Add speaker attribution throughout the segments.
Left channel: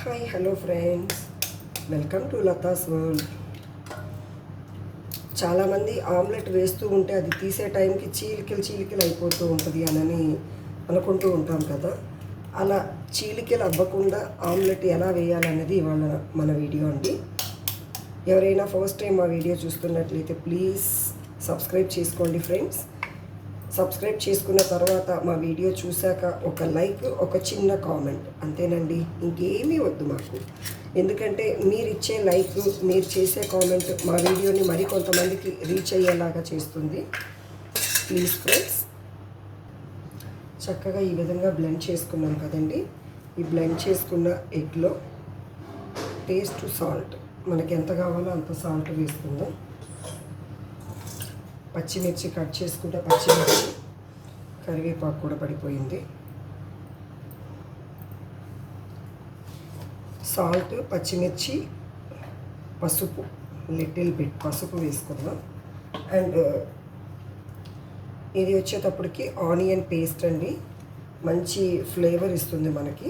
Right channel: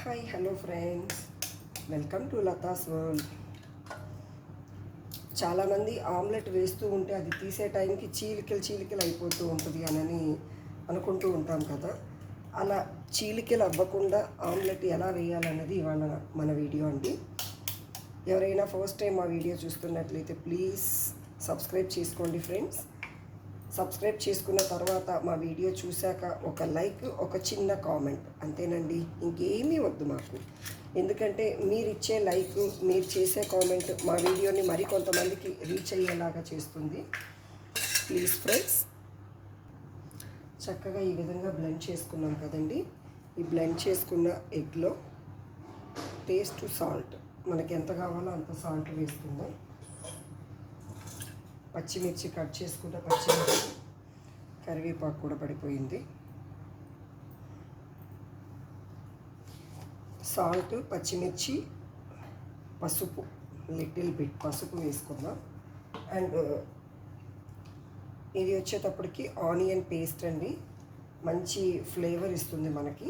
Speaker 1: Hi hello friends welcome to Latha's world చాలామంది omelette వేస్తూ ఉంటే అది తీసే టైంకి చీలికలు చీలికలు అయిపోతూ ఉంటుంది అని అనుకుంటూ ఉంటాం కదా. అలా చీలికలు అవ్వకుండా ఆమ్లెట్ ఎలా వేయాలనేది ఇవాళ మన వీడియో అండి. ఎవరైనా ఫస్ట్ టైం మా వీడియో చూస్తున్నట్లయితే ప్లీజ్ సబ్స్క్రైబ్ చేసుకోండి ఫ్రెండ్స్ సబ్స్క్రైబ్ చేసుకున్న తర్వాత మా వీడియో చూశాక ఒక లైక్ ఒక చిన్న కామెంట్. అంతేనండి. ఇంకేమీ వద్దు మాకు. ఎందుకంటే మీరు ఇచ్చే లైక్ మీరు చేసే కామెంట్ మా వీడియోని మరి కొంతమందికి రీచ్ అయ్యేలాగా చేస్తుంది. ప్లీజ్ ఫ్రెండ్స్ చక్కగా ఈ విధంగా బ్లెండ్ చేసుకున్నాం కదండి. ఈ బ్లెండ్ చేసుకున్న ఎగ్లో టేస్ట్ సాల్ట్ మనకి ఎంత కావాలో అంత సాల్ట్ వేసుకుందాం. పచ్చిమిర్చి కట్ చేసుకుంటే పచ్చిమిర్చి కరివేపాకు కూడా పడిపోయింది. సాల్ట్ పచ్చిమిర్చి పసుపు లిటిల్ బిట్ పసుపు వేసుకుందాం. అండ్ ఇది వచ్చేటప్పటికి ఆనియన్ పేస్ట్ అండి. మంచి ఫ్లేవర్ ఇస్తుంది మనకి.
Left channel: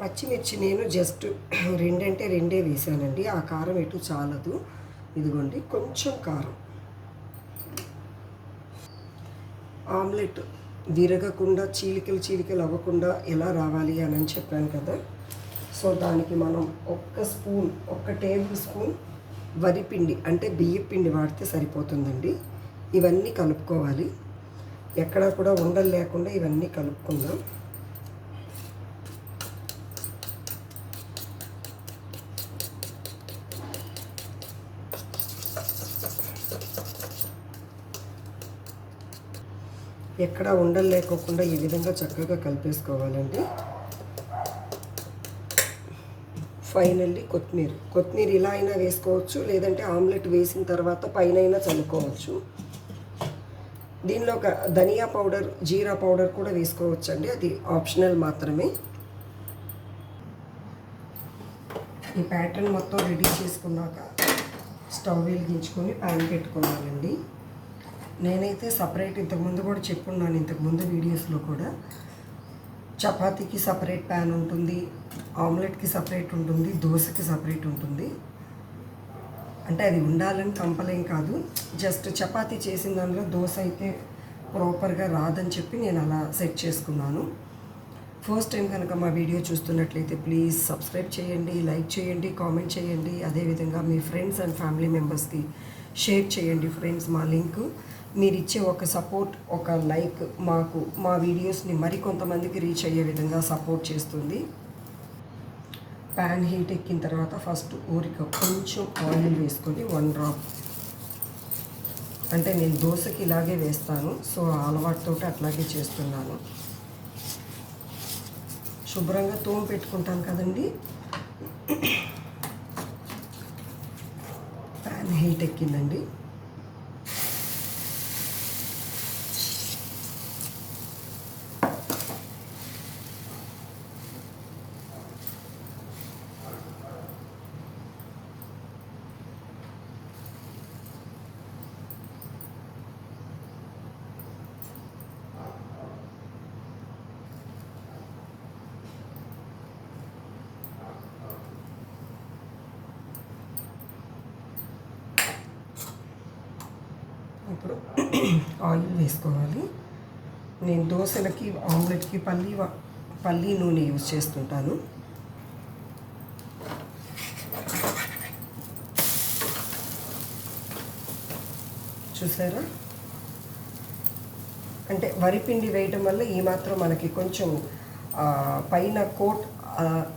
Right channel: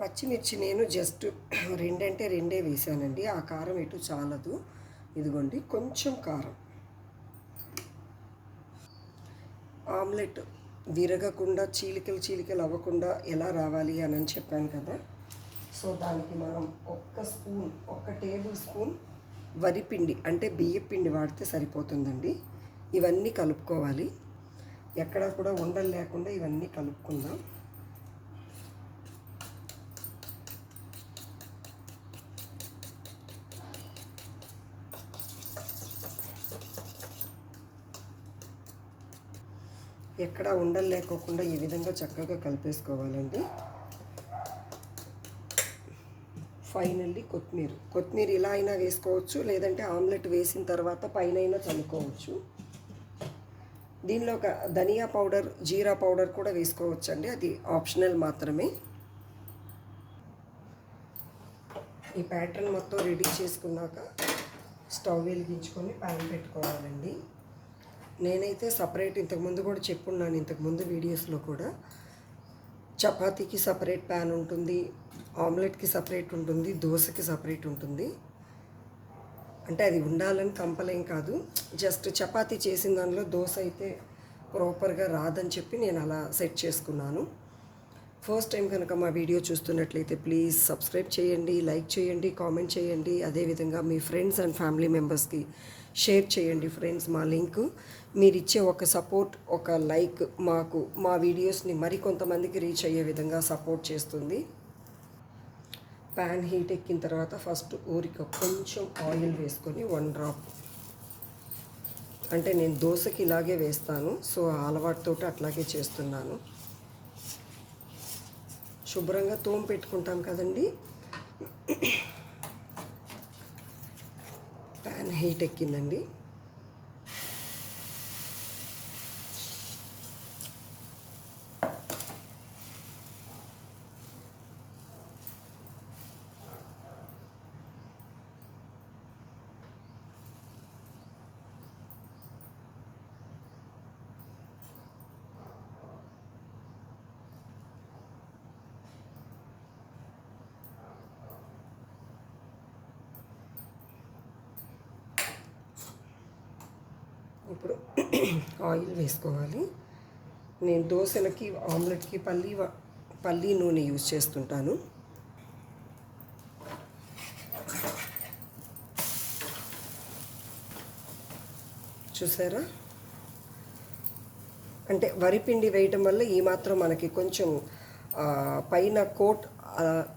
Speaker 1: పచ్చిమిర్చి నేను జస్ట్ రెండంటే రెండే వేసానండి. ఆ కారం ఎటు చాలదు. ఇదిగోండి కొంచెం కారం. ఆమ్లెట్ విరగకుండా చీలికలు చీలికలు అవ్వకుండా ఎలా రావాలి అని అని చెప్పాను కదా. సో దానికి మనం ఒక్క స్పూన్ ఒక్క టేబుల్ స్పూన్ వరిపిండి అంటే బియ్యం పిండి వాడితే సరిపోతుందండి. ఇవన్నీ కలుపుకోవాలి. ఎక్కడా కూడా ఉండలు లేకుండా ఇవన్నీ కలుపుకుందాం. ఎక్కడ ఉండలు లేకోకుండా ఈ విధంగా చక్కగా కలిపేసుకోవాలండి. ఫైనల్లీ కొత్తిమీర. కొత్తిమీర ఇలా అయినా వేసుకోవచ్చు లేదంటే ఆమ్లెట్ వేసిన తర్వాత పైన అయినా చల్లుకోవచ్చు. దీనిలో ఒక ధనియా పౌడర్ జీరా పౌడర్ కూడా వేసుకోవచ్చు అండి అది ఆప్షనల్ మాత్రమే. ఈ ప్యాటర్న్ మొత్తం రెడీ చేసుకున్నాక స్టవ్ వెలిగించుకొని ప్యాన్ పెట్టుకోవాలండి. నేనైతే సపరేట్ ఇంతకుముందు కూడా చెప్పున్నాను ఇంతకుముందు వీడియోస్లో కూడా. చపాతీకి సపరేట్ ప్యాన్ ఉంటుంది ఆమ్లెట్కి సపరేట్ ఉంటుంది దోశకి సపరేట్ ఉంటుంది. అంటే అది ఉండాలని కంపలేం కాదు. జస్ట్ చపాతీ చేసిన దానిలో దోశ అయితే ప్రాపర్గా రాదని చెప్పి నేను అలా సెట్ చేసుకున్నాను. ఫస్ట్ టైం కనుక మా వీడియో చూస్తున్నట్లయితే ప్లీజ్ సబ్స్క్రైబ్ చేయండి లైక్ చేయండి కామెంట్ చేయండి. అదేవిధంగా మీ ఫ్రెండ్స్ అండ్ ఫ్యామిలీ మెంబర్స్కి షేర్ చేయండి ఫ్రెండ్స్ మా లింక్. మీరిచ్చే ఒక సపోర్ట్ ఒక లైక్ మాకు మా వీడియోస్ని మరికొంతమందికి రీచ్ అయ్యే విధంగా సపోర్ట్ చేస్తుంది. ప్యాన్ హీట్ ఎక్కిన తర్వాత ఫస్ట్ ఊరిక కొంచెం ఆయిల్ వేసుకొని వన్ డ్రాప్. అంటే నేను దోశకి ఇలాగే వేస్తాను సో ఆ అలవాటుతో అట్లాగే చేస్తున్నాను. శుభ్రంగా తోమ పెట్టుకుంటాం కదండి. ప్యాన్ హీట్ ఎక్కిందండి. ఇప్పుడు ఆయిల్ వేసుకోవాలి. నేను దోశలకి ఆమ్లెట్కి పల్లి పల్లి నూనె యూజ్ చేస్తుంటాను. చూసారా? అంటే వరిపిండి వేయటం వల్ల ఈ మాత్రం మనకి కొంచెం పైన కోట్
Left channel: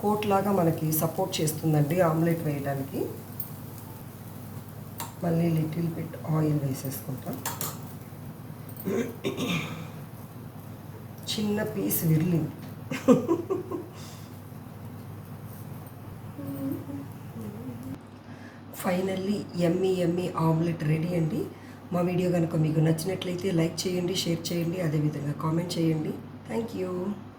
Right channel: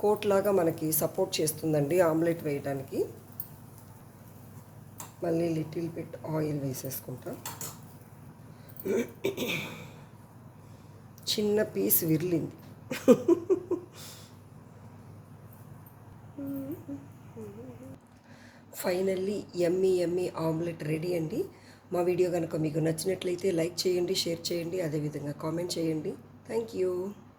Speaker 1: కోట్ లాగా మనకి సపోర్ట్ చేస్తుందండి ఆమ్లెట్ వేయడానికి మళ్ళీ లిటిల్ బిట్ ఆయిల్ వేసేసుకుంటాం. చిన్న పీస్ విరిలింది finally Emmy Emmy omelette ready అండి. మా వీడియో కనుక మీకు నచ్చినట్లయితే లైక్ చేయండి షేర్ చేయండి అదేవిధంగా కామెంట్ చేయండి. Thank you.